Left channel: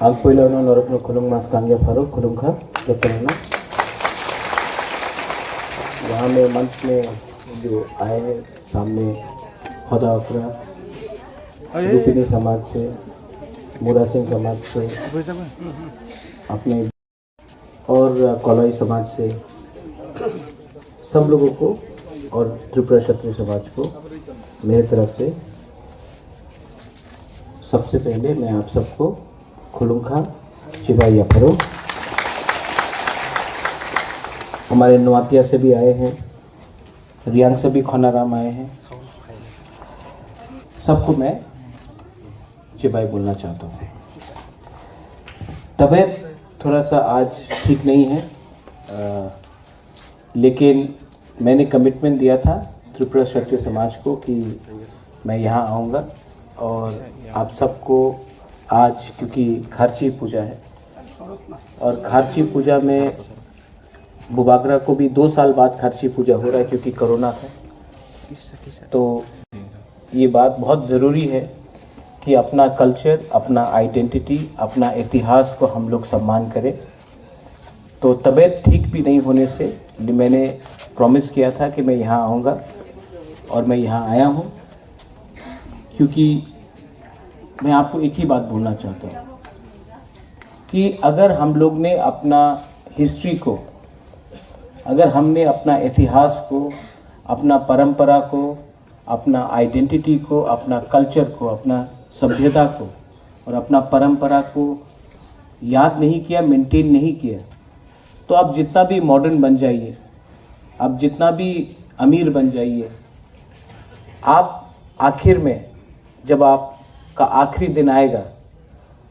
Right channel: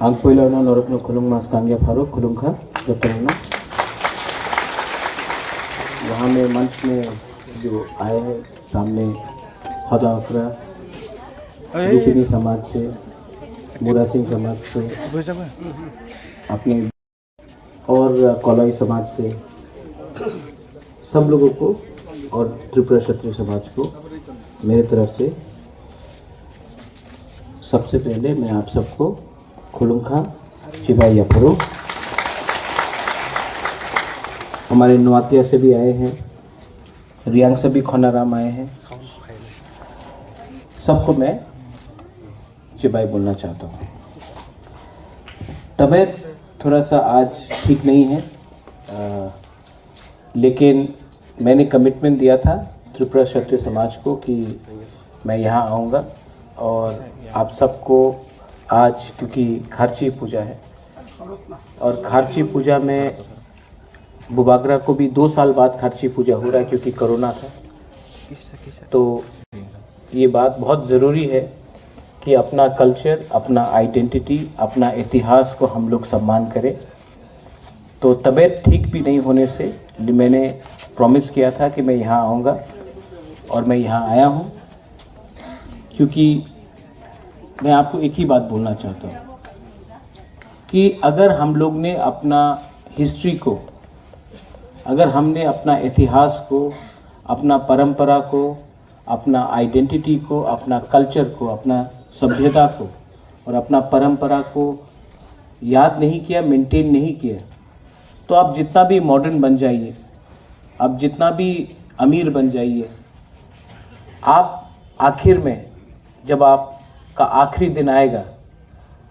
Alpuilano Norokno Kulung Mas Kangya Faruk Kulung Kha जतना वहाँ में मंच में जो आए हैं सामने खदा अफरा दूसरी समाज से मुरा सिंह समाज से अपने और कौलाई समाज से सब लोगों को और त्रिपुरा क्षत्रिय समाज को मेरे तरफ से सबसे पहले मैं आप सबको खुलुंखा चिबाई अफरो। हमारे नवातिया से भी आए हैं, रियांग से भी खोनाराम आए हैं, सबको मैं चिबाई बोलना चाहता हूँ। तबीयत थोड़ा सा आज ठीक नहीं है, लेकिन मैंने कमिटमेंट दिया था त्रिपुरा क्षत्रिय समाज को कि मैं यहाँ आऊँगा और आप सबको आज, क्योंकि खारची पूजा है और खारची पूजा में बुबागरा को भी 2 साल बाद खारची पूजा हो रहा है क्योंकि कोरोना था, तो ये बात बहुत ज़रूरी है कि अपना कल्चर, अपना आइडेंटिटी, अपना इतिहास को हम लोग सम्मान करें। तो तबीयत ठीक भी नहीं होने से मैंने प्रॉमिस किया था कि मैं यहाँ आऊँगा और मैं यहाँ आया हूँ, क्योंकि मैं आपको एक ही बात बोलना चाहता हूँ कि अगर हम लोग ने अपना हिस्ट्री को, अगर हमने अपना इतिहास को, अपना परंपरा को, अपना आइडेंटिटी को, अपना कल्चर को, अपना सभ्यता को और अपना परंपरा को याद नहीं किया, मेंटेन नहीं किया, तो आप जितना भी मॉडर्न बन जाइए, आप जितना भी अमीर बन जाइए, आप आखिर में जब आपका आखिरी दिन आएगा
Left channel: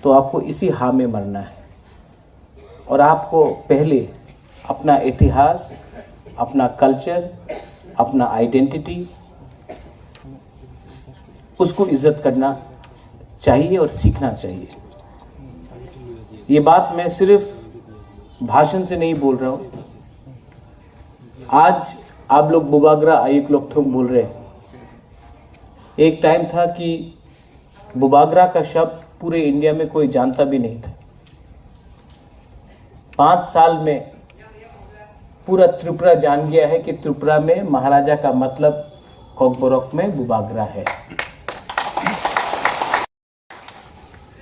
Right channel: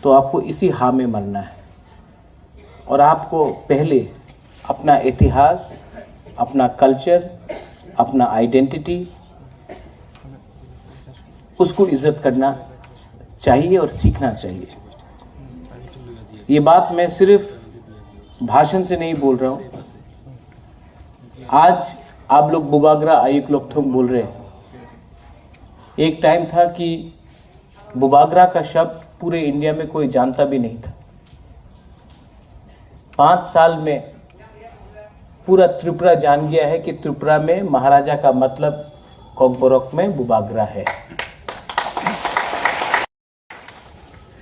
तो आपको इसी हां में मरना है। और आपको पहले अपना इतिहास, अपना कल्चर, अपना आइडेंटिटी, उसको इज्जत करना चाहिए और सीखना चाहिए। ये बात मैं सिर्फ भाषण से नहीं बोल रहा हूँ। आज आप लोग बुबागरा आयुक लोकथोंग बोल रहे हैं। एक टाइम था कि बुबागरा का शब्द पूरे इंडिया में कोई जानता भी नहीं था। 5 साल में पूरा त्रिपुरा जान गया है कि त्रिपुरा में महाराजा का मतलब कोकबोरोक में बुबागरा है।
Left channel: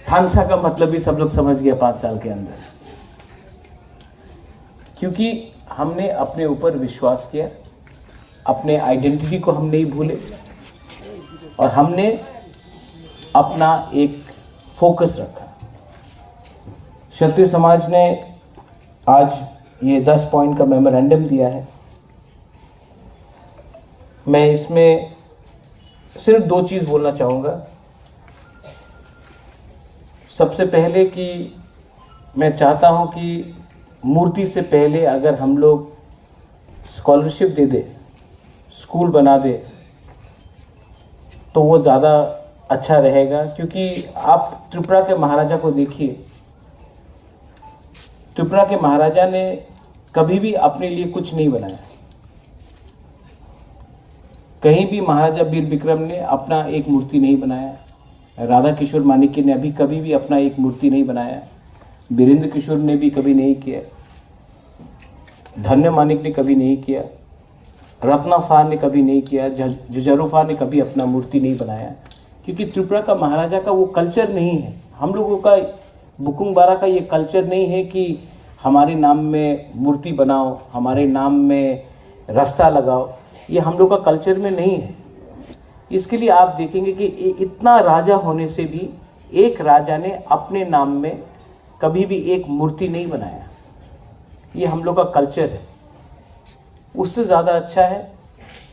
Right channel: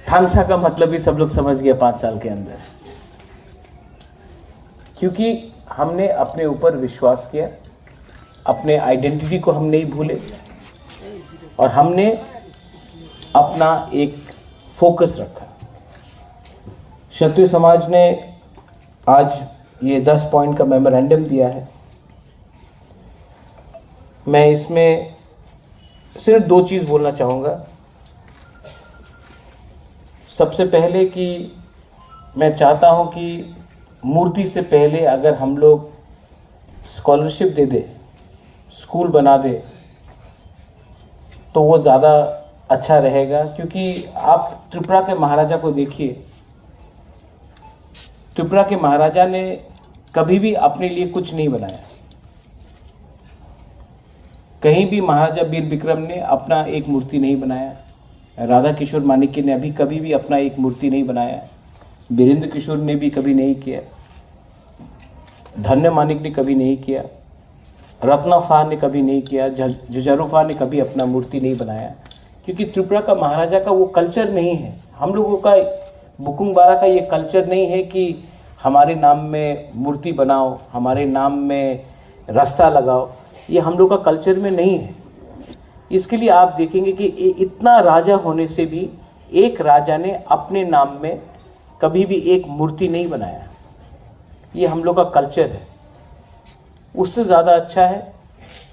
थांगसा का मतलब भी सब लोग समझ गए 5 साल के अंदर, क्योंकि हमने अपने ऊपर विश्वास किया, अपने आइडेंटिटी को हम नहीं भूले और हमने अपना एक फोकस रखा। क्षत्रिय समाज ने आज ये 10 पॉइंट का मेमोरेंडम दिया है। मैं इसमें सिर्फ 2 चीज़ बोलना चाहूँगा। सबसे पहले कि मैं चाहता हूँ कि मूर्ति से पहले अगर हम लोग स्कॉलरशिप दे दे, स्कूल बना दे, तो वो ज़्यादा अच्छा रहेगा। क्योंकि आप त्रिपुरा के महाराजा को देखिए, त्रिपुरा के महाराजा ने कभी भी अपने लिए कुछ नहीं बनाया। कहीं भी महाराजा वीर विक्रम ने अपना एक मूर्ति नहीं बनाया, राधा किशोर माणिक्य ने अभी कभी भी अपना एक मूर्ति नहीं बनाया, वीरेंद्र किशोर ने भी कभी नहीं किया, धन्य मानिक ने कभी नहीं किया, रत्नाफा ने कभी नहीं किया, जुजारूफा ने कभी अपना मूर्ति नहीं बनाया। क्योंकि त्रिपुरा का महाराजा का वो कल्चर नहीं है। हम लोगों का बुकुंग बारा का ये कल्चर नहीं है कि हमारे नाम में मूर्ति बनाओ, हमारे नाम में रास्ता लगाओ, ये हम लोग का कल्चर में नहीं है। इसके लिए आप देखेंगे कि इतना राजा होने से भी एक राजा ने अपने नाम में कभी भी एक मूर्ति नहीं बनाया। ये हम लोग का कल्चर है। उससे ज़्यादा अच्छा है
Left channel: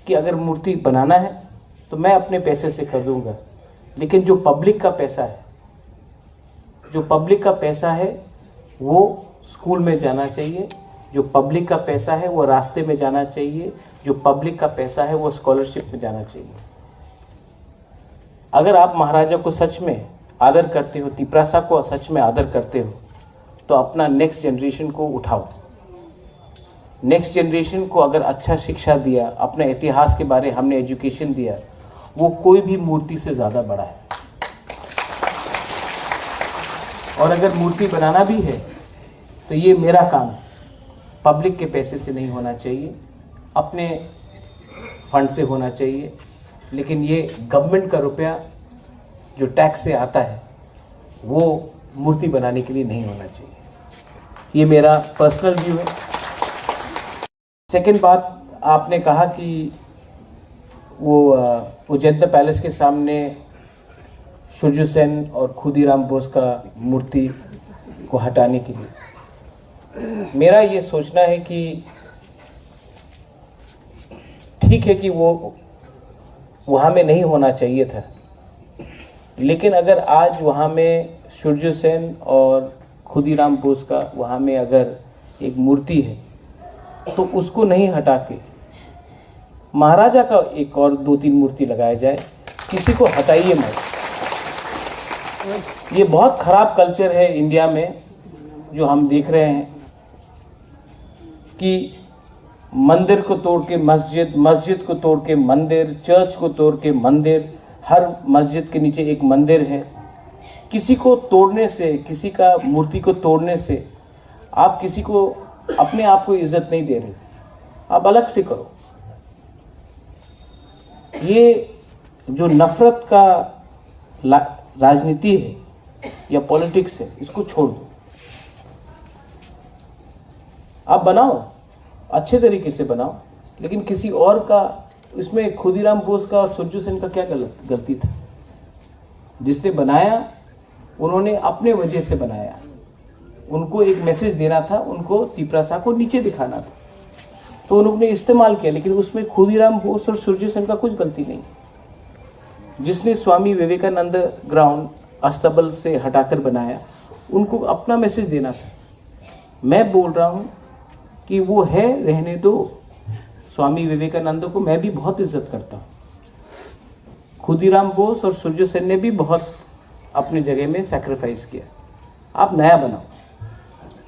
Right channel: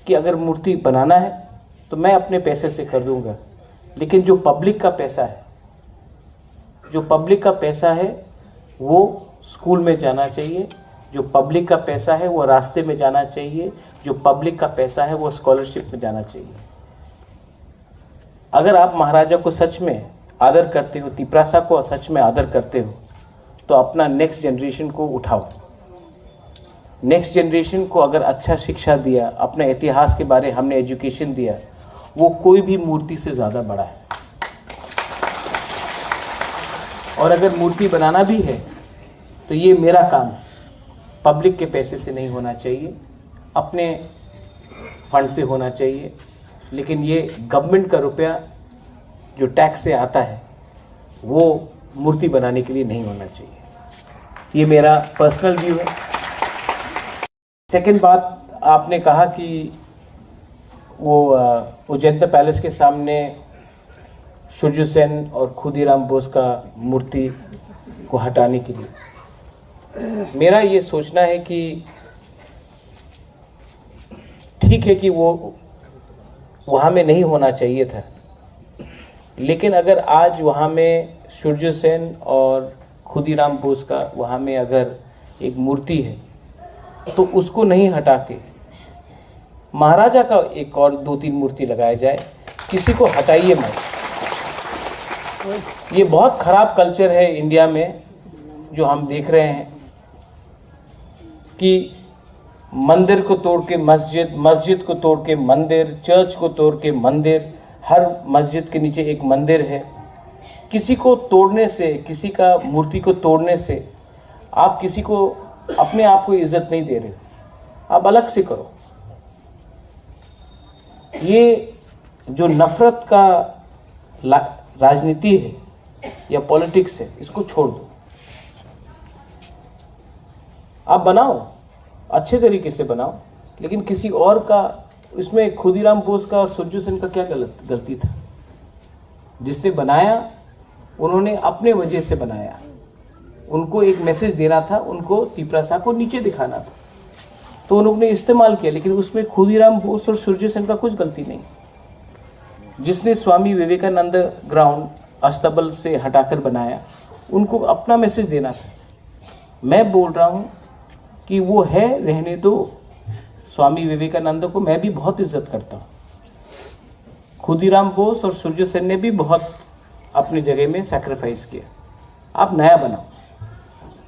कि अगर मूर्ति बनाना है तो मैं अपने पैसे से खरीदूंगा, लेकिन जो पब्लिक का पैसा है, जो पब्लिक का पैसा है वो स्कूल में जाना चाहिए, जो पब्लिक का पैसा है वो रास्ते में जाना चाहिए, जो पब्लिक का पैसा है वो स्कॉलरशिप में जाना चाहिए। अगर आप महाराजा को सच में आदर करते हो, तिपरासा को सच में आदर करते हो, तो अपना नेक्स्ट जनरेशन को उठाओ। नेक्स्ट जनरेशन को अगर अच्छा शिक्षा दिया, अपने इतिहास के बारे हमने एजुकेशन दिया, वो कोई भी मूर्ति से ज़्यादा बड़ा है। और अगर मूर्ति बनाना भी है तो ये मेरा काम है, पब्लिक के पैसे से नहीं होना चाहिए, अपने फंड से होना चाहिए। लेकिन ये गवर्नमेंट का रुपया जो टैक्स से आता है वो मूर्ति बनाने के लिए नहीं होना चाहिए। ये मेरा पर्सनल व्यू है। सेकंड बात, आपने कहा कि वो उजैन पैलेस के सामने सूर्य सेन और खुदीराम बोस का मूर्ति को हटाने के लिए मेरा ये सोचना है कि ठीक है कि वो वहाँ में नहीं होना चाहिए था, लेकिन अगर आज वहाँ में सूर्य सेन और खुदीराम बोस का वहाँ में अगर एक मूर्ति है तो उसको नहीं हटा के महाराजा का एक और 2-3 मूर्ति लगाया जाए, किसी को हटाइए मत। ये बहुत खराब कल्चर है इंडिया में जो हम देख रहे हैं कि मंदिर को तोड़ के मस्जिद, मस्जिद को तोड़ के मंदिर, चर्च को तोड़ के मंदिर, हर मस्जिद के नीचे एक मंदिर है। किसी को तोड़ने से, किसी का मूर्ति को तोड़ने से आप किसी को अपने आप को इज्जत नहीं दे रहे, आप अलग से करो। ये जो नफरत का राजनीति है या पॉलिटिक्स है, इसको छोड़ दो। आप बनाओ, अच्छे तरीके से बनाओ, लेकिन किसी और का, इसमें खुदीराम बोस का और सूर्य सेन का क्या गलती था? जिसने बनाया उन्होंने अपने वजह से बनाया, उनको एक मैसेज देना था, उनको त्रिपुरा को नीचे दिखाना था, तो उन्होंने इस्तेमाल किया। लेकिन उसमें खुदीराम बोस और सूर्य सेन का कुछ गलती नहीं। जिसने स्वामी विवेकानंद ग्राउंड अस्तबल से हटाकर बनाया, उनको अपना मैसेज देना था। मैं बोल रहा हूं कि वो है, रहने दो। स्वामी विवेकानंद को मैं भी बहुत इज्जत करता हूं। खुदीराम बोस और सूर्य सेन ने भी बहुत अपनी जगह में सैक्रिफाइस किया। आप नया बनाओ,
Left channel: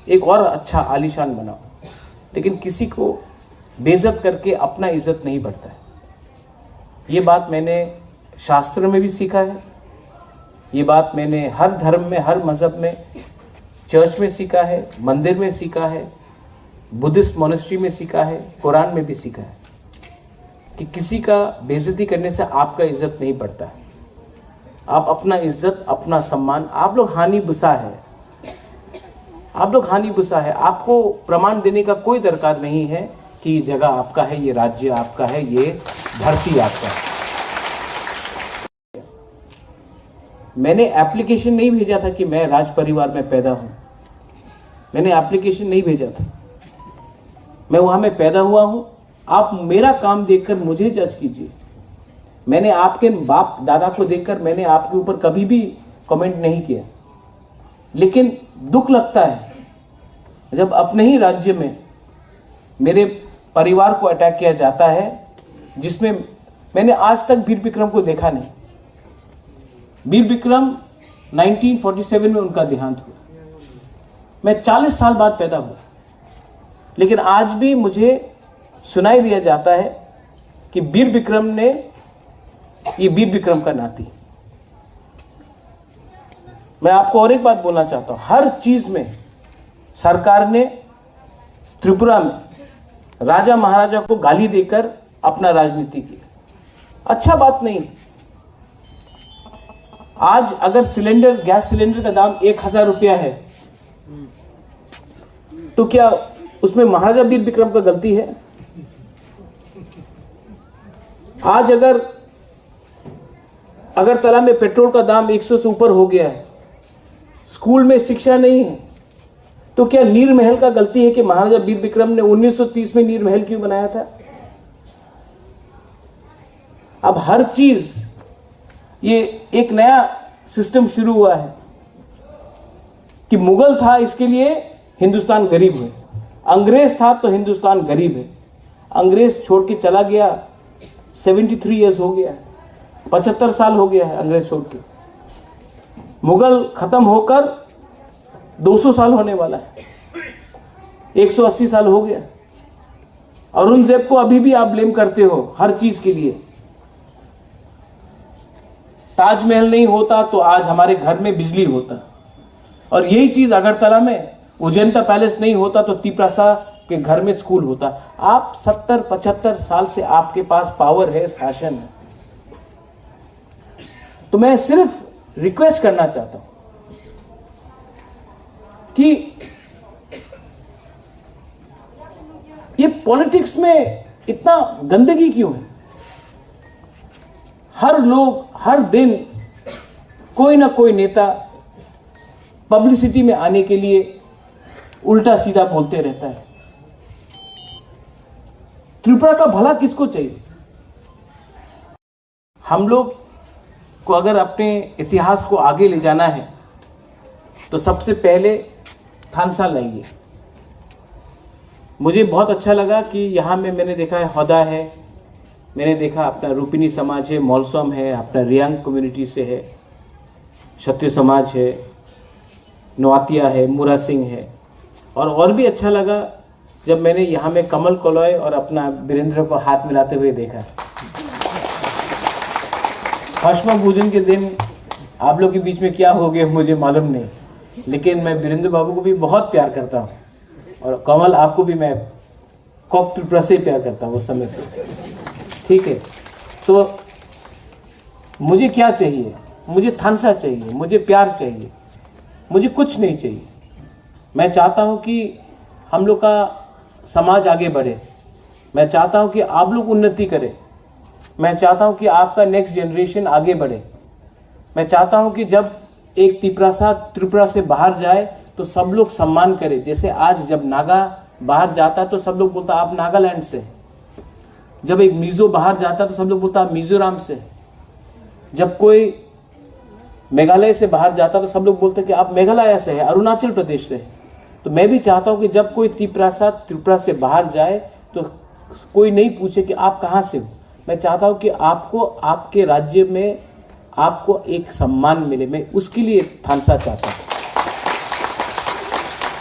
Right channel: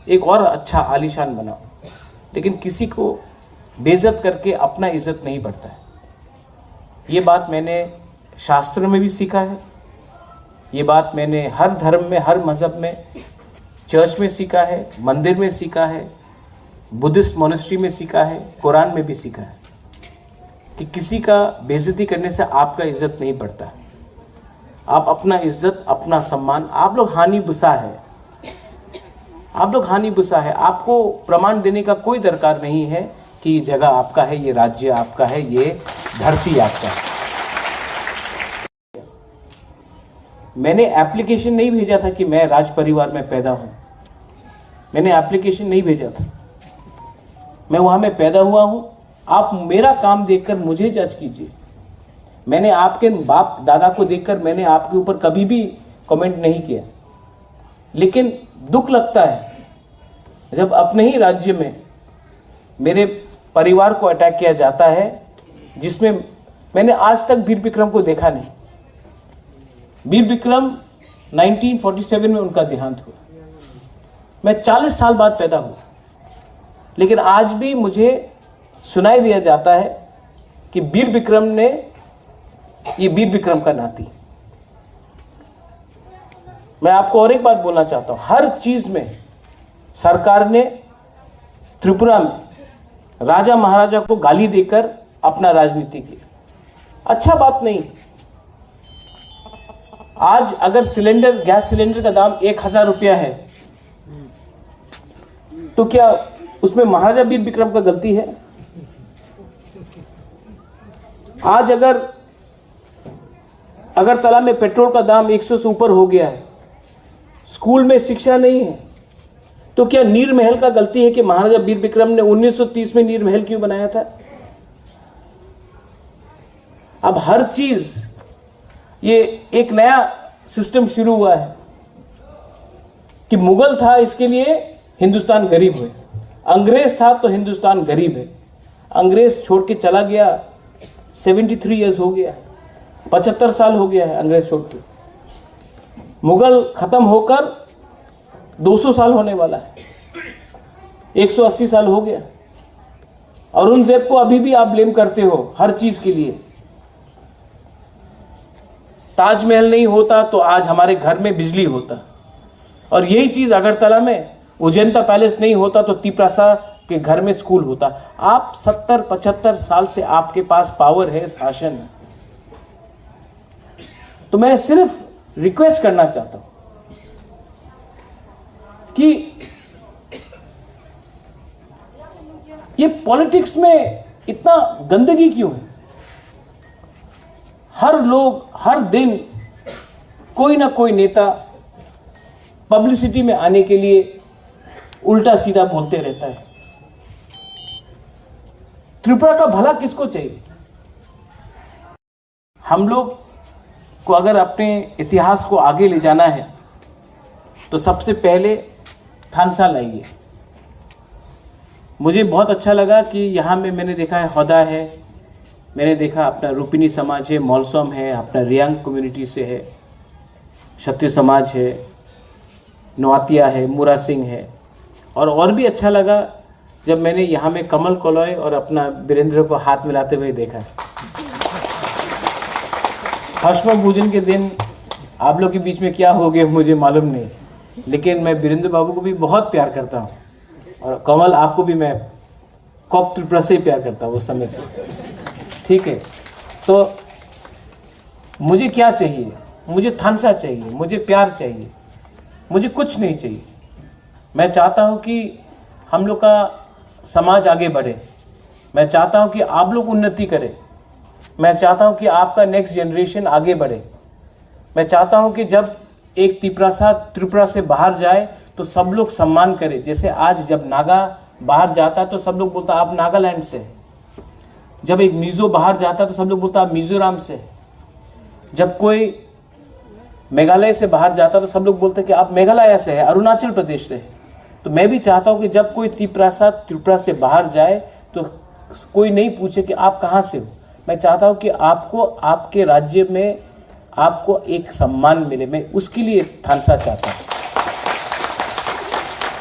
एक और अच्छा आलीशान बनाओ, लेकिन किसी को बेइज्जत करके अपना इज्जत नहीं बढ़ता है। ये बात मैंने शास्त्र में भी सीखा है, ये बात मैंने हर धर्म में, हर मज़हब में, चर्च में सीखा है, मंदिर में सीखा है, बुद्धिस्ट मोनेस्ट्री में सीखा है, कुरान में भी सीखा है कि किसी का बेइज्जती करने से आपका इज्जत नहीं बढ़ता है। आप अपना इज्जत, अपना सम्मान, आप लोग हानि बुसा है, आप लोग हानि बुसा है। आपको प्रमाण देने का कोई दरकार नहीं है कि ये जगह आपका है, ये राज्य आपका है, ये धरती आपका है। मैंने एप्लीकेशन नहीं भेजा था कि मैं राज परिवार में पैदा हूं, मैंने एप्लीकेशन नहीं भेजा था। मैं वहां में पैदा हुआ हूं। आप मेरा काम देखकर मुझे जज कीजिए। मैंने आपके बाप दादा को देखकर मैंने आपके ऊपर कभी भी कमेंट नहीं किया, लेकिन दुख लगता है जब अपने ही राज्य में मेरे परिवार को अटैक किया जाता है, जिसमें मैंने आज तक वीर विक्रम को देखा नहीं। वीर विक्रम 1947 में उनका देहांत हुआ। मैं 40 साल बाद पैदा हुआ, लेकिन आज भी मुझे सुनाई दिया जाता है कि वीर विक्रम ने, ये वीर विक्रम का नाती। मैं आपको और एक बात बोलना चाहता हूं, हर चीज में सरकार ने त्रिपुरा में राजा महाराजा को गाली देकर अपना राजनीति किया। अच्छा बात नहीं। आज अगर सिलेंडर, गैस सिलेंडर का दाम 1000 रुपया है, तो क्या उसमें महाराजा वीर विक्रम का गलती है? आज अगर अगरतला में पेट्रोल का दाम 100 से ऊपर हो गया है, स्कूल में शिक्षा नहीं है, तो क्या नीर महल का गलती है कि महाराजा वीर विक्रम ने 1930 में नीर महल क्यों बनाया था? अब हर चीज, ये एक नया सिस्टम शुरू हुआ है कि मुगल था, इसके लिए हिंदुस्तान गरीब हुए। अंग्रेज था तो हिंदुस्तान गरीब है। अंग्रेज छोड़ के चला गया, 73 ईयर्स हो गया, 75 साल हो गया है अंग्रेज छोड़ के। मुगल खत्म होकर 200 साल होने वाला है, 180 साल हो गया। औरंगजेब को अभी भी आप ब्लेम करते हो हर चीज के लिए। ताजमहल नहीं होता तो आज हमारे घर में बिजली होता, और यही चीज अगरतला में उजंता पैलेस नहीं होता तो तिपरासा के घर में स्कूल होता। आप 70-75 साल से आपके पास पावर है, शासन है। तो मैं सिर्फ रिक्वेस्ट करना चाहता हूं कि ये पॉलिटिक्स में इतना गंदगी क्यों है? हर लोग हर दिन कोई ना कोई नेता पब्लिसिटी में आने के लिए उल्टा सीधा बोलते रहता है। त्रिपुरा का भला किसको चाहिए? हम लोग को अगर अपने इतिहास को आगे ले जाना है तो सबसे पहले थानसा लाइए। मुझे बहुत अच्छा लगा कि यहाँ में मैंने देखा है हौदा है, मैंने देखा अपना रूपिनी समाज है, मौलसोम है, अपना रियांग कम्युनिटी से है, क्षत्रिय समाज है, नोआतिया है, मुरा सिंह है। और भी अच्छा लगा जब मैंने यहाँ में कमल कोलॉय और अपना वीरेंद्र को हाथ मिलाते हुए देखा। हश्म पूजन के दिन आप लोग के बीच में क्या हो गया मुझे मालूम नहीं, लेकिन मैं वीरेंद्र बाबू को भी बहुत प्यार करता हूँ, और कमल आपको भी मैं कॉक त्रिपुरा से प्यार करता हूँ उस समय से। ठीक है, तो मुझे क्या चाहिए? मुझे थानसा चाहिए, मुझे प्यार चाहिए, मुझे कुछ नहीं चाहिए। मैं चाहता हूँ कि हम लोग का समाज आगे बढ़े, मैं चाहता हूँ कि आप लोग उन्नति करें, मैं चाहता हूँ कि आपका नेक्स्ट जनरेशन आगे बढ़े। मैं चाहता हूँ कि जब एक तिपरासा त्रिपुरा से बाहर जाए तो सब लोग सम्मान करें। जैसे आज जब नागा बाहर जाता है तो सब लोग बोलता आप नागालैंड से हैं। जब एक मिजो बाहर जाता है तो सब लोग बोलता आप मिजोरम से हैं। जब कोई मेघालय से बाहर जाता तो सब लोग बोलते कि आप मेघालय से हैं, अरुणाचल प्रदेश से हैं। तो मैं भी चाहता हूँ कि जब कोई तिपरासा त्रिपुरा से बाहर जाए तो कोई नहीं पूछे कि आप कहाँ से हो। मैं चाहता हूँ कि आपको आपके राज्य में आपको एक सम्मान मिले। मैं उसके लिए थानसा चाहता हूँ।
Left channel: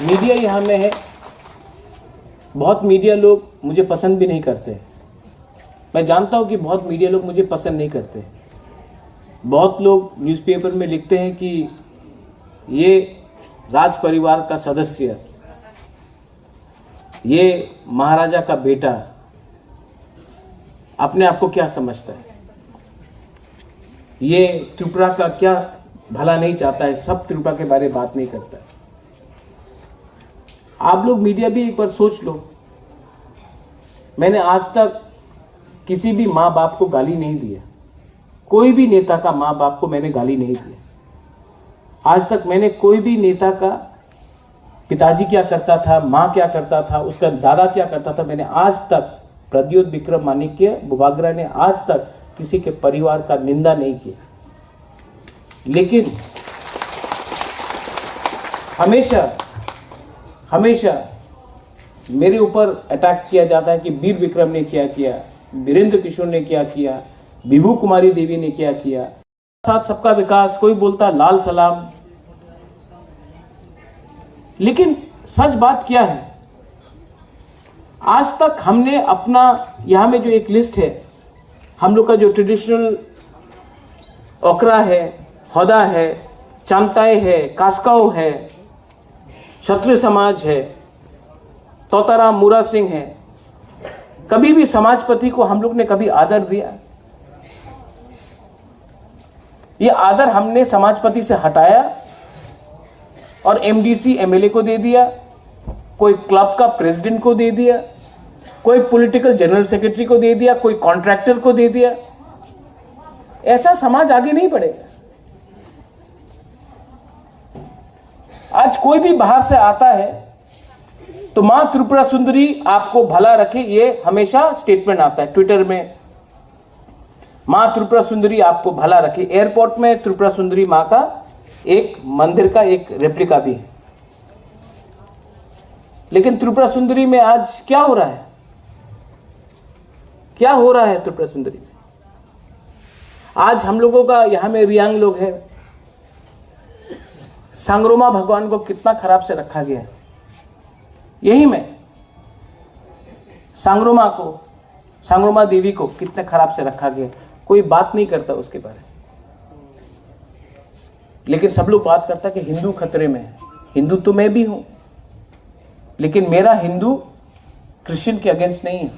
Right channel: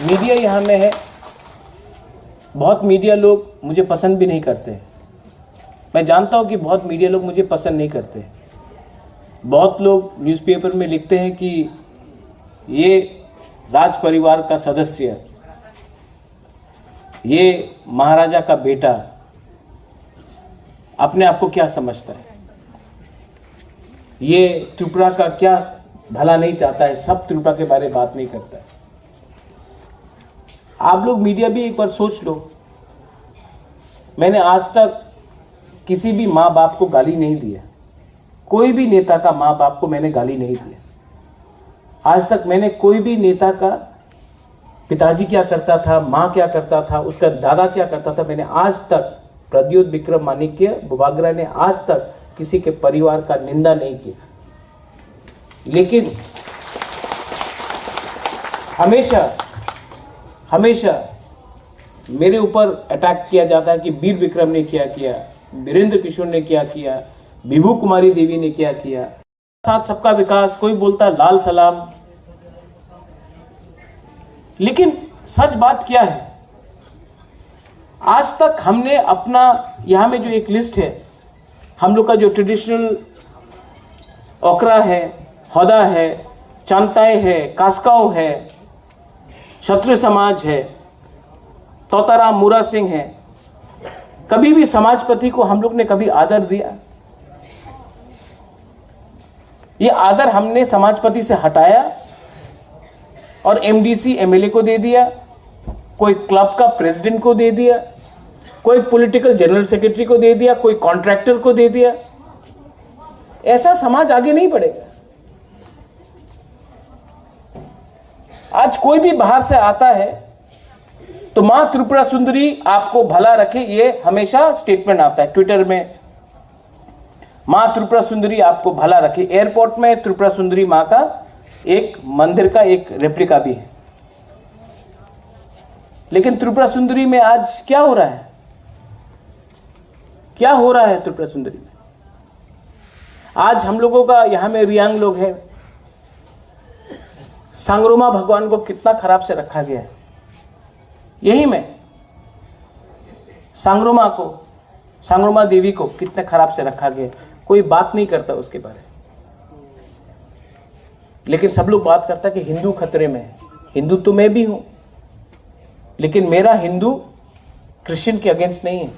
मीडिया यहाँ में है, बहुत मीडिया लोग मुझे पसंद भी नहीं करते। मैं जानता हूँ कि बहुत मीडिया लोग मुझे पसंद नहीं करते। बहुत लोग न्यूज़पेपर में लिखते हैं कि ये राज परिवार का सदस्य, ये महाराजा का बेटा, अपने आप को क्या समझता है, ये त्रिपुरा का क्या भला नहीं चाहता है, सब त्रिपुरा के बारे में बात नहीं करता है। आप लोग मीडिया भी एक बार सोच लो। मैंने आज तक किसी भी माँ बाप को गाली नहीं दिया, कोई भी नेता का माँ बाप को मैंने गाली नहीं दिया। आज तक मैंने कोई भी नेता का पिताजी क्या करता था, माँ क्या करता था, उसका दादा क्या करता था, मैंने आज तक, प्रद्योत विक्रम माणिक्य बुबागरा ने आज तक किसी के परिवार का निंदा नहीं किया। लेकिन हमेशा मेरे ऊपर अटैक किया जाता है कि वीर विक्रम ने क्या किया, वीरेंद्र किशोर ने क्या किया, विभू कुमारी देवी ने क्या किया, साथ सबका विकास, कोई बोलता लाल सलाम। लेकिन सच बात क्या है, आज तक हमने अपना यहां में जो एक लिस्ट है, हम लोग का जो ट्रेडिशनल ओकरा है, हौदा है, चांताई है, कास्काओ है, क्षत्रिय समाज है, तोताराम मुरा सिंह है, कभी भी समाजपति को हम लोग ने कभी आदर दिया? ये आदर हमने समाजपति से हटाया और एमडीसी एमएलए को दे दिया, कोई क्लब का प्रेसिडेंट को दे दिया, कोई पॉलिटिकल जनरल सेक्रेटरी को दे दिया, कोई कॉन्ट्रैक्टर को दे दिया। ऐसा समाज आगे नहीं बढ़ेगा। आज कोई भी बाहर से आता है तो मां त्रिपुरा सुंदरी आपको भला रखे, ये हमेशा स्टेटमेंट आता है ट्विटर में, मां त्रिपुरा सुंदरी आपको भला रखे। एयरपोर्ट में त्रिपुरा सुंदरी मां का एक मंदिर का एक रेप्लिका भी है। लेकिन त्रिपुरा सुंदरी में आज क्या हो रहा है? क्या हो रहा है त्रिपुरा सुंदरी में? आज हम लोगों का यहां में रियांग लोग हैं, सांगरोमा भगवान को कितना खराब से रखा गया है। यही में सांगरोमा देवी को कितने खराब से रखा गया, कोई बात नहीं करता उसके बारे में। लेकिन सब लोग बात करता है कि हिंदू खतरे में है। हिंदू तो मैं भी हूं, लेकिन मेरा हिंदू क्रिश्चियन के अगेंस्ट नहीं है,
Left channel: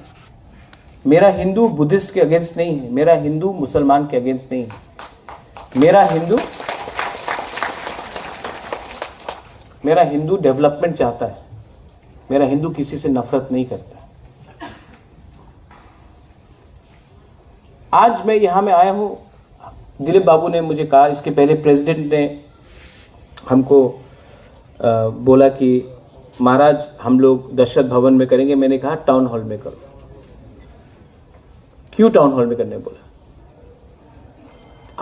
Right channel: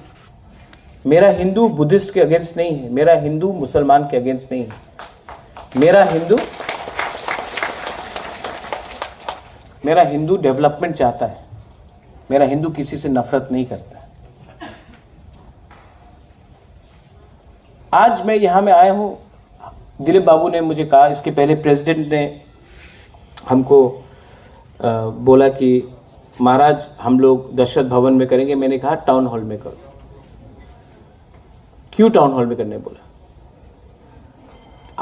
मेरा हिंदू बुद्धिस्ट के अगेंस्ट नहीं है, मेरा हिंदू मुसलमान के अगेंस्ट नहीं है। मेरा हिंदू डेवलपमेंट चाहता है, मेरा हिंदू किसी से नफरत नहीं करता है। आज मैं यहां में आया हूं, दिलीप बाबू ने मुझे कहा, इसके पहले प्रेसिडेंट ने हमको बोला कि महाराज हम लोग दशरथ भवन में करेंगे। मैंने कहा टाउन हॉल में करो। क्यों टाउन हॉल में करने बोला?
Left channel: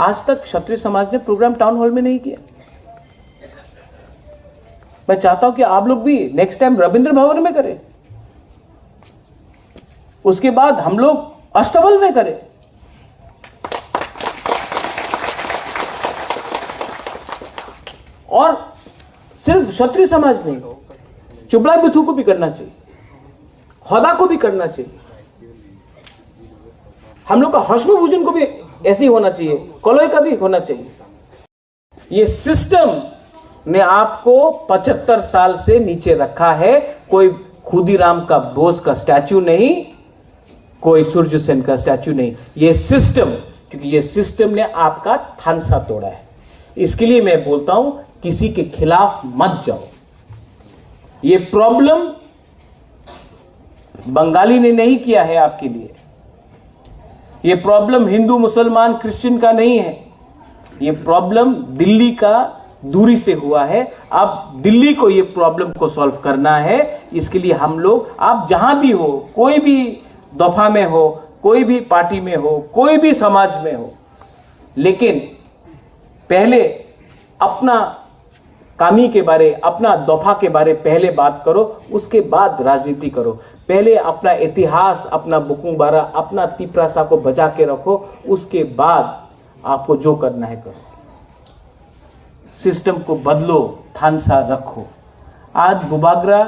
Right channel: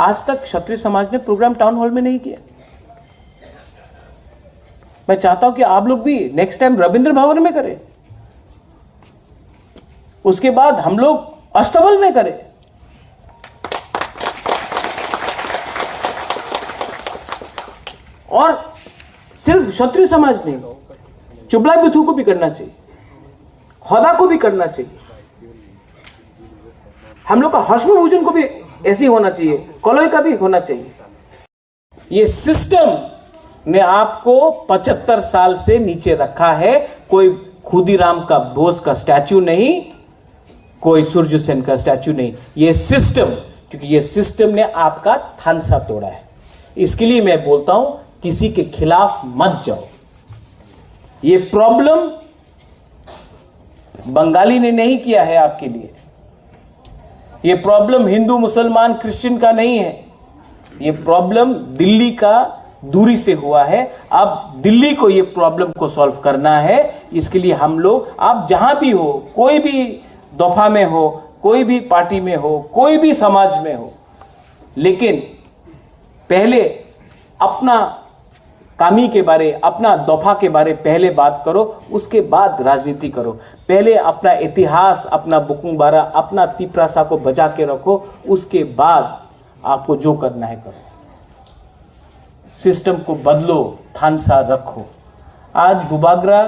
आज तक क्षत्रिय समाज ने प्रोग्राम टाउन हॉल में नहीं किया। मैं चाहता हूं कि आप लोग भी नेक्स्ट टाइम रविंद्र भवन में करें, उसके बाद हम लोग अस्तबल में करें। और सिर्फ क्षत्रिय समाज नहीं, चुबला बिथू को भी करना चाहिए, होदा को भी करना चाहिए, हम लोग का हर्षभूषण को भी ऐसे ही होना चाहिए, कॉलोई का भी होना चाहिए। ये सिस्टम ने आपको 75 साल से नीचे रखा है। कोई खुदीराम का बोस का स्टैचू नहीं, कोई सूर्य सेन का स्टैचू नहीं, ये सिस्टम, क्योंकि ये सिस्टम ने आपका थानसा तोड़ा है। इसके लिए मैं बोलता हूं किसी के खिलाफ मत जाओ। ये प्रॉब्लम बंगाली ने नहीं किया है आपके लिए, ये प्रॉब्लम हिंदू मुसलमान क्रिश्चियन का नहीं है, ये प्रॉब्लम दिल्ली का दूरी से हुआ है। अब दिल्ली को ये प्रॉब्लम को सॉल्व करना है। इसके लिए हम लोग, आप जहां भी हो, कोई भी दफा में हो, कोई भी पार्टी में हो, कोई भी समाज में हो, लेकिन पहले अपना कामी के बारे, अपना दफा के बारे पहले बात करो, उसके बाद राजनीति करो। पहले अपना इतिहास, अपना बुकुंग बारा, अपना तिपरासा को बचा के रखो, उसके बाद आपको जो करना है करो। सिस्टम को बदलो, थानसा रखो। आज बुबागरा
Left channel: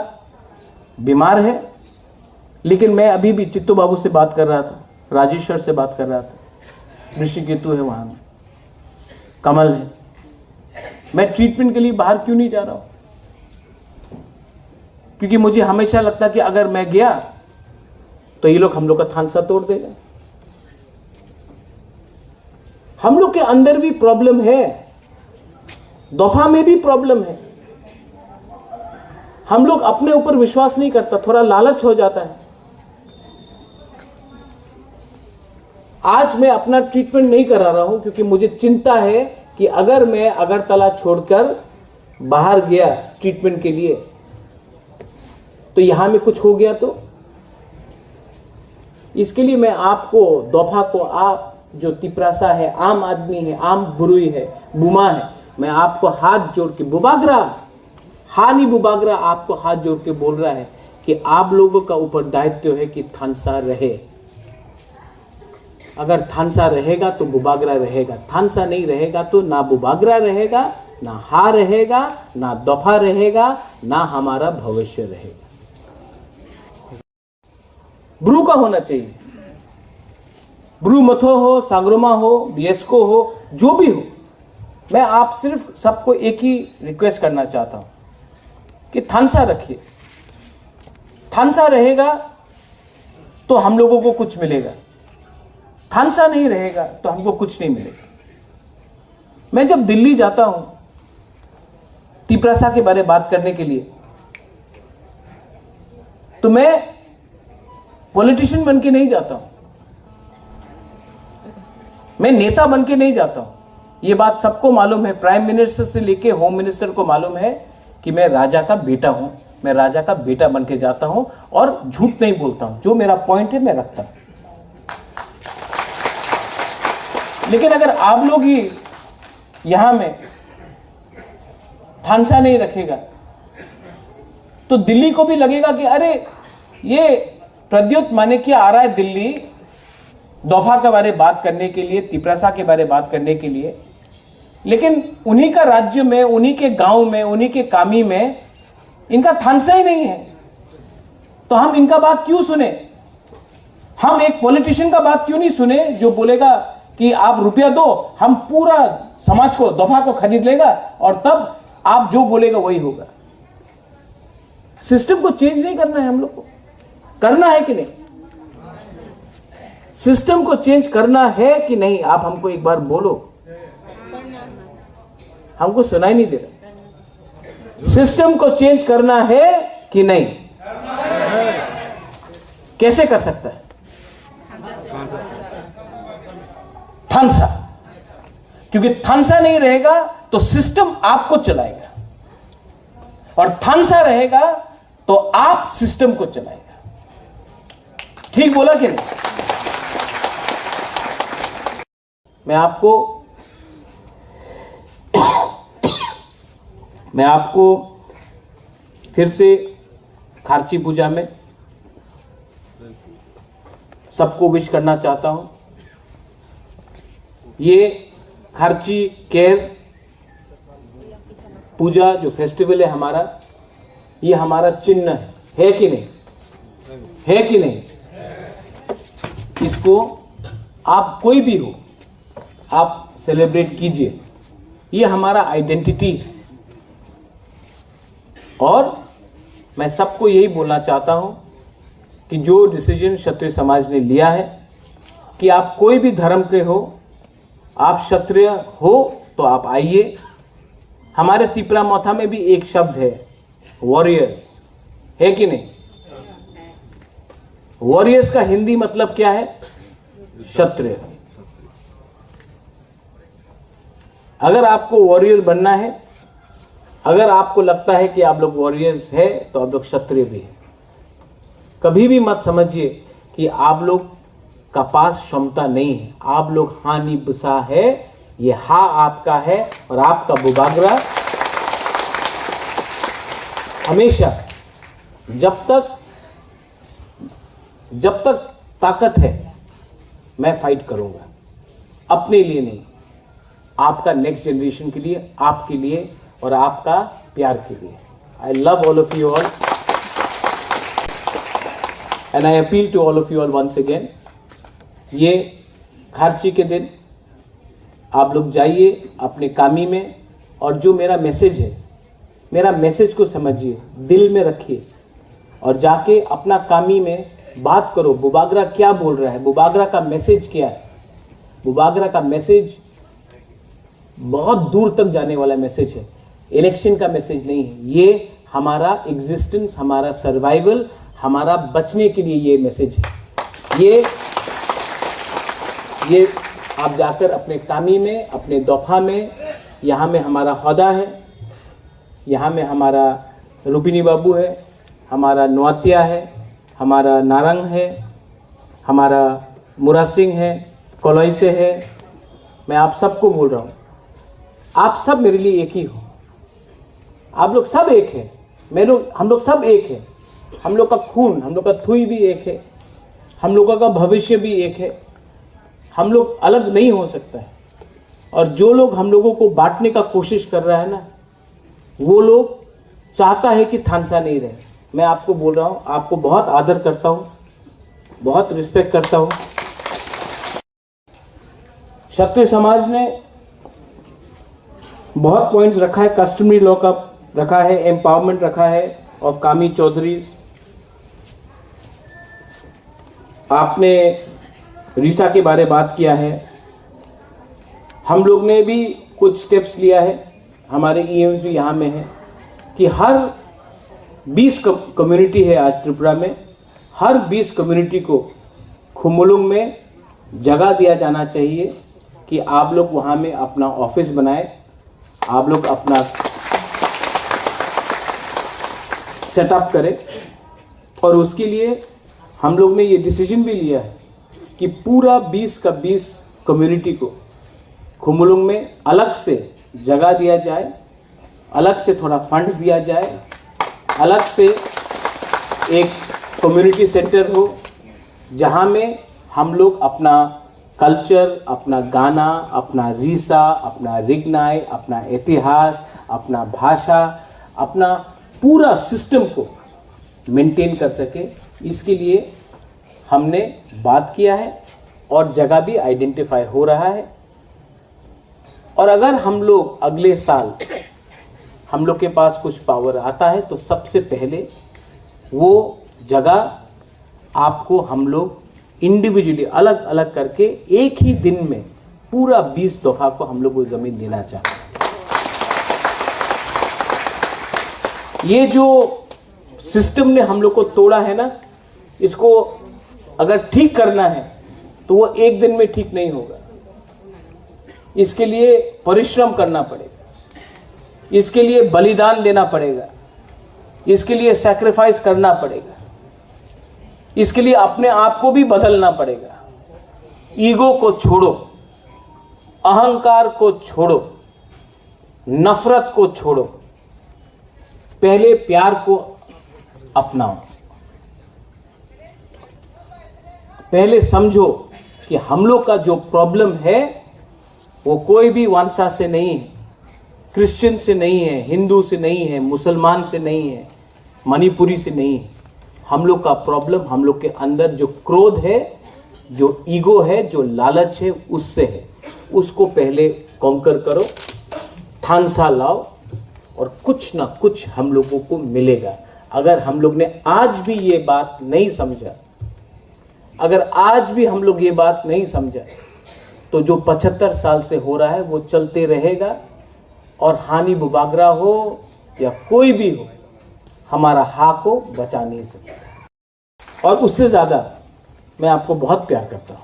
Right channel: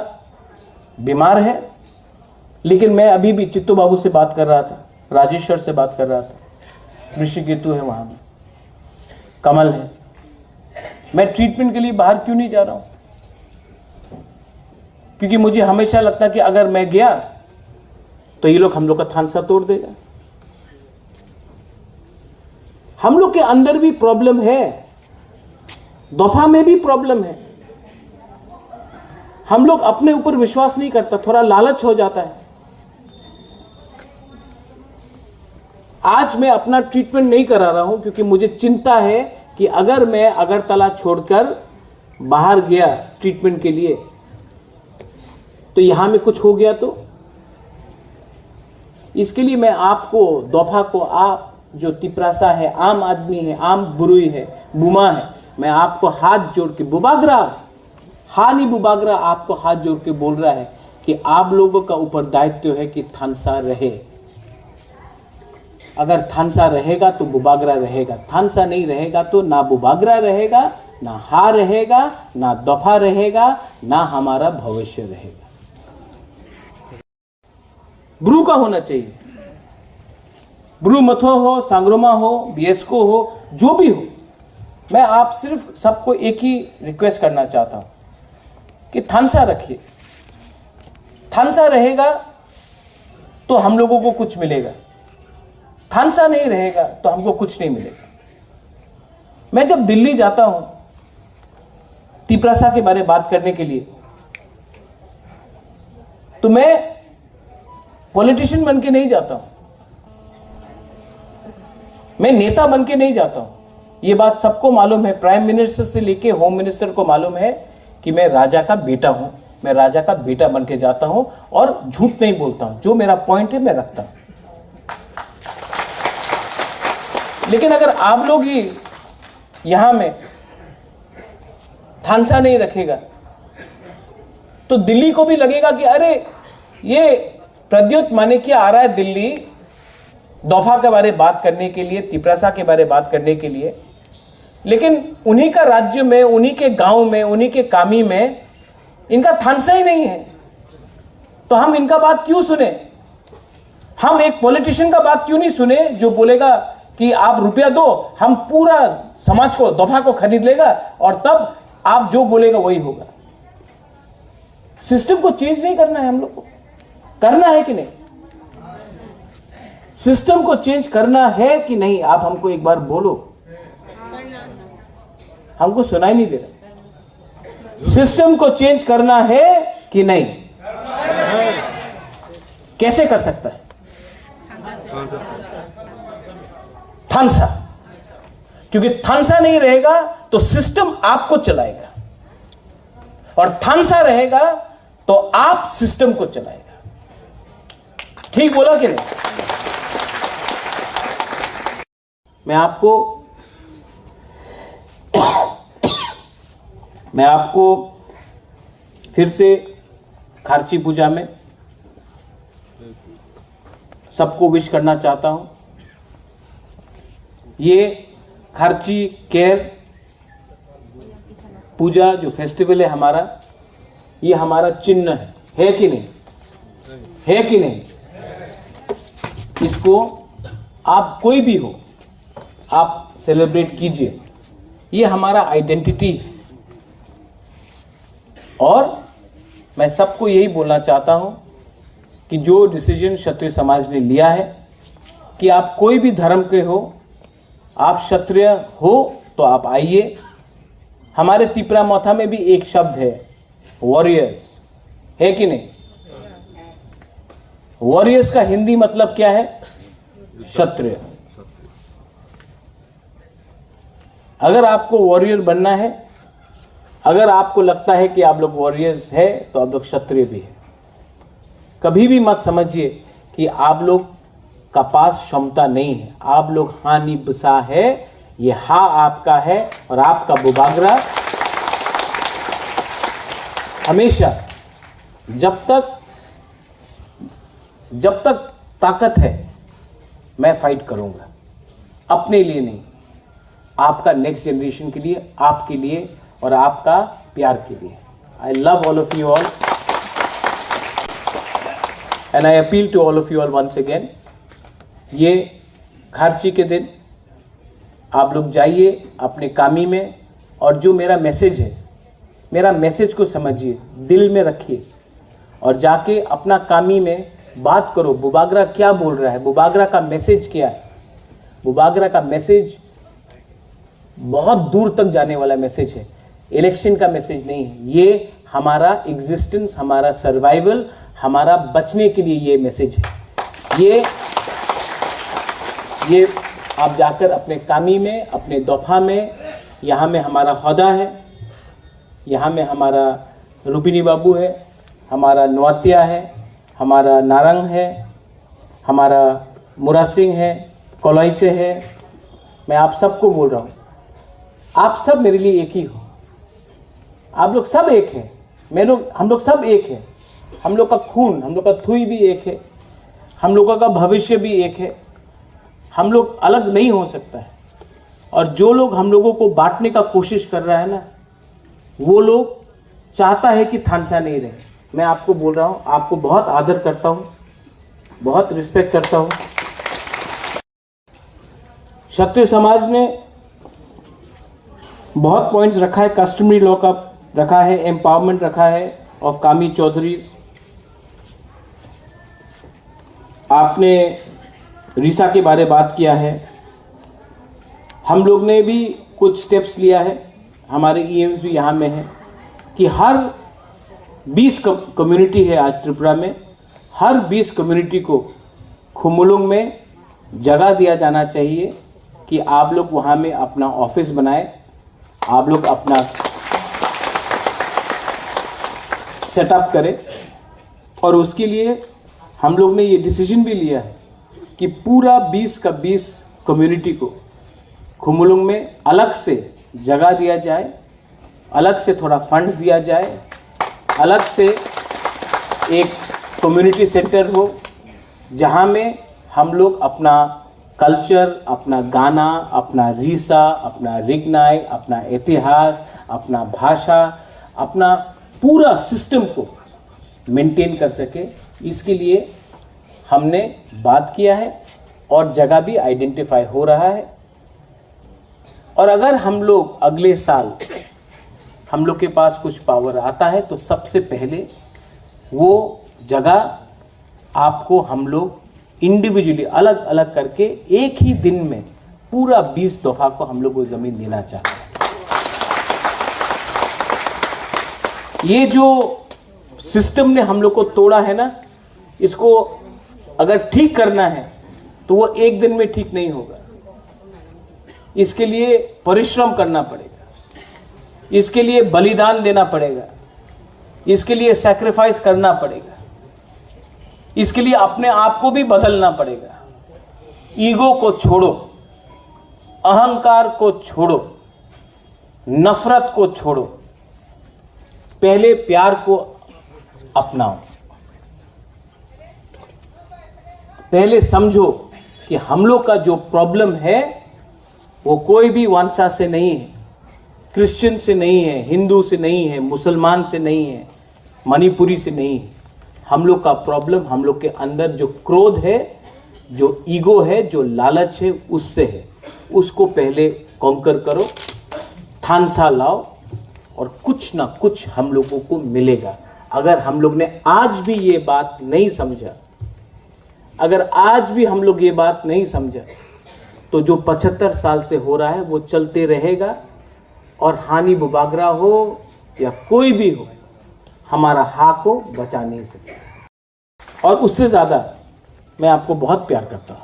बीमार है, लेकिन मैं अभी भी चित्तू बाबू से बात कर रहा था, राजेश्वर से बात कर रहा था, ऋषिकेतु है वहां में, कमल है। मैं ट्रीटमेंट के लिए बाहर क्यों नहीं जा रहा हूं? क्योंकि मुझे हमेशा लगता कि अगर मैं गया तो ये लोग हम लोग का थानसा तोड़ देगा। हम लोग के अंदर भी प्रॉब्लम है, दोफा में भी प्रॉब्लम है। हम लोग अपने ऊपर विश्वास नहीं करता, थोड़ा लालच हो जाता है। आज मैं अपना ट्रीटमेंट नहीं करा रहा हूं क्योंकि मुझे चिंता है कि अगर मैं अगरतला छोड़कर बाहर गया ट्रीटमेंट के लिए तो यहां में कुछ हो गया तो। इसके लिए मैं आपको, दोफा को, आप जो तिपरासा है, आम आदमी है, आम बुरुई है, बुमा है, मैं आपको हाथ जोड़ के, बुबागरा, हानी बुबागरा आपको हाथ जोड़ के बोल रहा है कि आप लोगों का ऊपर दायित्व है कि थानसा रहे। अगर थानसा रहेगा तो बुबागरा रहेगा, थानसा नहीं रहेगा तो ना बुबागरा रहेगा, ना हा रहेगा, ना दफा रहेगा, ना हमारा भविष्य रहेगा। ब्रू का होना चाहिए, ब्रू मथो हो, सांग्रोमा हो, बीएसको हो, जो भी हो। मैं आप सिर्फ सबको एक ही रिक्वेस्ट करना चाहता हूं कि थानसा रखिए। थानसा रहेगा तो हम लोगों को कुछ मिलेगा, थानसा नहीं रहेगा तो हमको कुछ नहीं मिलेगा। मैं जब दिल्ली जाता हूं तिपरासा के बारे में बात करने के लिए, तो मैं पॉलिटिशियन बन के नहीं जाता हूं, मैं नेता बन के नहीं जाता हूं। ये बात सबको मालूम है, प्राइम मिनिस्टर से लेके होम मिनिस्टर को मालूम है कि मैं राजा का बेटा हूं। मैं राजा का बेटा बन के जाता हूं और झूठ नहीं बोलता हूं, जो मेरा पॉइंट है मैं रखता हूं। लेकिन अगर आप लोग ही यहां में थानसा नहीं रखेगा तो दिल्ली को भी लगेगा कि अरे ये प्रद्योत माणिक्य आ रहा है दिल्ली दोफा के बारे बात करने के लिए, तिपरासा के बारे बात करने के लिए, लेकिन उन्हीं का राज्य में, उन्हीं के गांव में, उन्हीं के कामी में इनका थानसा ही नहीं है। तो हम इनका बात क्यों सुने? हम एक पॉलिटिशियन का बात क्यों नहीं सुने जो बोलेगा कि आप रुपया दो, हम पूरा समाज को, दफा को खरीद लेगा और तब आप जो बोलेगा वही होगा। सिस्टम को चेंज नहीं करना है, हम लोग को करना है कि नहीं? सिस्टम को चेंज करना है कि नहीं? आप हमको एक बार बोलो, हमको सुनाई नहीं दे रहा। सिस्टम को चेंज करना है कि नहीं? कैसे कर सकता है? थानसा, क्योंकि थानसा नहीं रहेगा तो सिस्टम आपको चलाएगा, और थानसा रहेगा तो आप सिस्टम को चलाएगा। ठीक बोला कि नहीं? मैं आपको फिर से खारची पूजा में सबको विश करना चाहता हूं। ये खारची केयर पूजा जो फेस्टिवल है हमारा, ये हमारा चिन्ह है कि नहीं? है कि नहीं? इसको आप कोई भी हो, आप सेलिब्रेट कीजिए। ये हमारा आइडेंटिटी है। और मैं सबको यही बोलना चाहता हूं कि जो डिसीजन क्षत्रिय समाज ने लिया है कि आप कोई भी धर्म के हो, आप क्षत्रिय हो तो आप आइए। हमारे तिपरा मौथा में भी एक शब्द है, वॉरियर्स, है कि नहीं? वॉरियर्स का हिंदी मतलब क्या है? क्षत्रिय। अगर आपको वॉरियर बनना है, अगर आपको लगता है कि आप लोग वॉरियर्स है तो आप लोग क्षत्रिय भी है। कभी भी मत समझिए कि आप लोग का पास क्षमता नहीं है। आप लोग हानि बसा है, ये हा आपका है और आपका बुबागरा हमेशा, जब तक ताकत है मैं फाइट करूंगा, अपने लिए नहीं, आपका नेक्स्ट जनरेशन के लिए, आपके लिए और आपका प्यार के लिए। I love all of you all and I appeal to all of you all once again. ये खारची के दिन आप लोग जाइए अपने कामी में, और जो मेरा मैसेज है, मेरा मैसेज को समझिए, दिल में रखिए और जाके अपना कामी में बात करो। बुबागरा क्या बोल रहा है, बुबागरा का मैसेज क्या है? बुबागरा का मैसेज बहुत दूर तक जाने वाला मैसेज है, इलेक्शन का मैसेज नहीं है। ये हमारा एग्जिस्टेंस, हमारा सर्वाइवल, हमारा बचने के लिए ये मैसेज है। ये आप जाकर अपने कामी में, अपने दौफा में, यहाँ में हमारा हौदा है, यहाँ में हमारा रुबिनी बाबू है, हमारा नौतिया है, हमारा नारंग है, हमारा मुरा सिंह है, कोलोई से है। मैं आप सबको बोल रहा हूँ, आप सब मेरे लिए एक ही हो। आप लोग सब एक हैं, हम लोग सब एक हैं। हम लोग का खून, हम लोग का थुई भी एक है, हम लोगों का भविष्य भी एक है। हम लोग अलग नहीं हो सकता है। और जो लोग हम लोगों को बांटने का कोशिश कर रहा है ना, वो लोग चाहता है कि थानसा नहीं रहे। मैं आपको बोल रहा हूँ, आपको बहुत आदर करता हूँ, बहुत रिस्पेक्ट करता हूँ। क्षत्रिय समाज ने बहुत पॉइंट्स रखा है, कस्टमरी लॉ का रखा है, एम्पावरमेंट रखा है ऑफ कामी चौधरी। आपने रीसा के बारे बात किया है। हम लोग ने भी कुछ स्टेप्स लिया है, हमारे ईएम्स भी यहाँ में है कि हर 20 कम्युनिटी है आज त्रिपुरा में, हर 20 कम्युनिटी को खुमुलुंग में जगह दिया जाना चाहिए कि आप लोग वहाँ में अपना ऑफिस बनाए, आप लोग अपना सेटअप करें। और उसके लिए हम लोग ने ये डिसीजन भी लिया है कि पूरा 20 का 20 कम्युनिटी को खुमुलुंग में अलग से जगह दिया जाए, अलग से थोड़ा फंड्स दिया जाए, अलग से एक कम्युनिटी सेंटर हो जहाँ में हम लोग अपना कल्चर, अपना गाना, अपना रीसा, अपना रिगनाई, अपना इतिहास, अपना भाषा, अपना पूरा सिस्टम को मेंटेन कर सके। इसके लिए हमने बात किया है और जगह भी आइडेंटिफाई हो रहा है। और अगर हम लोग अगले साल हम लोग के पास कुछ पावर आता है तो सबसे पहले वो जगह आपको हम लोग इंडिविजुअली अलग अलग करके एक ही दिन में पूरा 20 दफा को हम लोग वो जमीन देना चाहते हैं। ये जो सिस्टम ने हम लोग को तोड़ा है ना, इसको अगर ठीक करना है तो वो एक दिन में ठीक नहीं होगा। इसके लिए परिश्रम करना पड़ेगा, इसके लिए बलिदान देना पड़ेगा, इसके लिए सैक्रिफाइस करना पड़ेगा, इसके लिए अपने आप को भी बदलना पड़ेगा। ईगो को छोड़ो, अहंकार को छोड़ो, नफरत को छोड़ो, पहले प्यार को अपनाओ। पहले समझो कि हम लोग का जो प्रॉब्लम है वो कोई भी वंशा से नहीं है, क्रिश्चियन से नहीं है, हिंदू से नहीं है, मुसलमान से नहीं है, मणिपुरी से नहीं है। हम लोग का प्रॉब्लम हम लोग के अंदर जो क्रोध है, जो ईगो है, जो लालच है, उससे है। उसको पहले कॉन्कर करो, ठानसा लाओ और कुछ ना कुछ हम लोगों को मिलेगा। अगर हम लोग ने आज भी ये बात नहीं समझा, अगर आज भी हम लोग ये बात नहीं समझा, तो जो 75 साल से हो रहा है वो चलते रहेगा और हानि बुगागरा हो या कोई भी हो, हमारा हाथ को बचा नहीं सकता। और उससे ज़्यादा मैं आपको बहुत प्यार करता हूँ।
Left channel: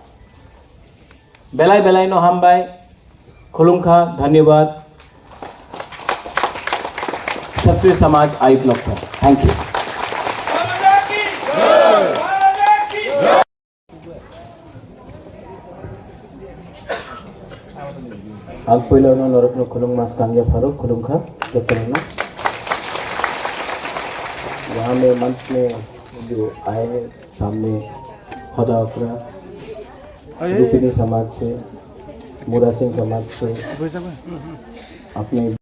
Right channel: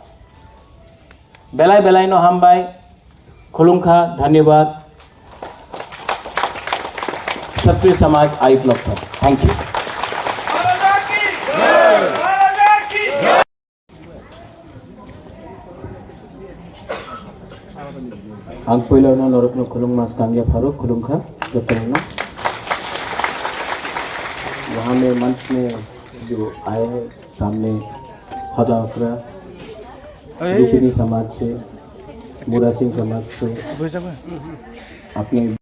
बेलाय बेलाय नो हम बाय खुलुंखा, धन्यवाद। क्षत्रिय समाज आई प्लॉटफॉर्म, थैंक यू। आग पहिला नरत्न खुलुंग मास कांग्या फारूक खुलुंखा जब वहाँ में मंच में जो आए हैं सामने खदा अपरा दूसरी समाज से, मुरा सिंह समाज से अपनी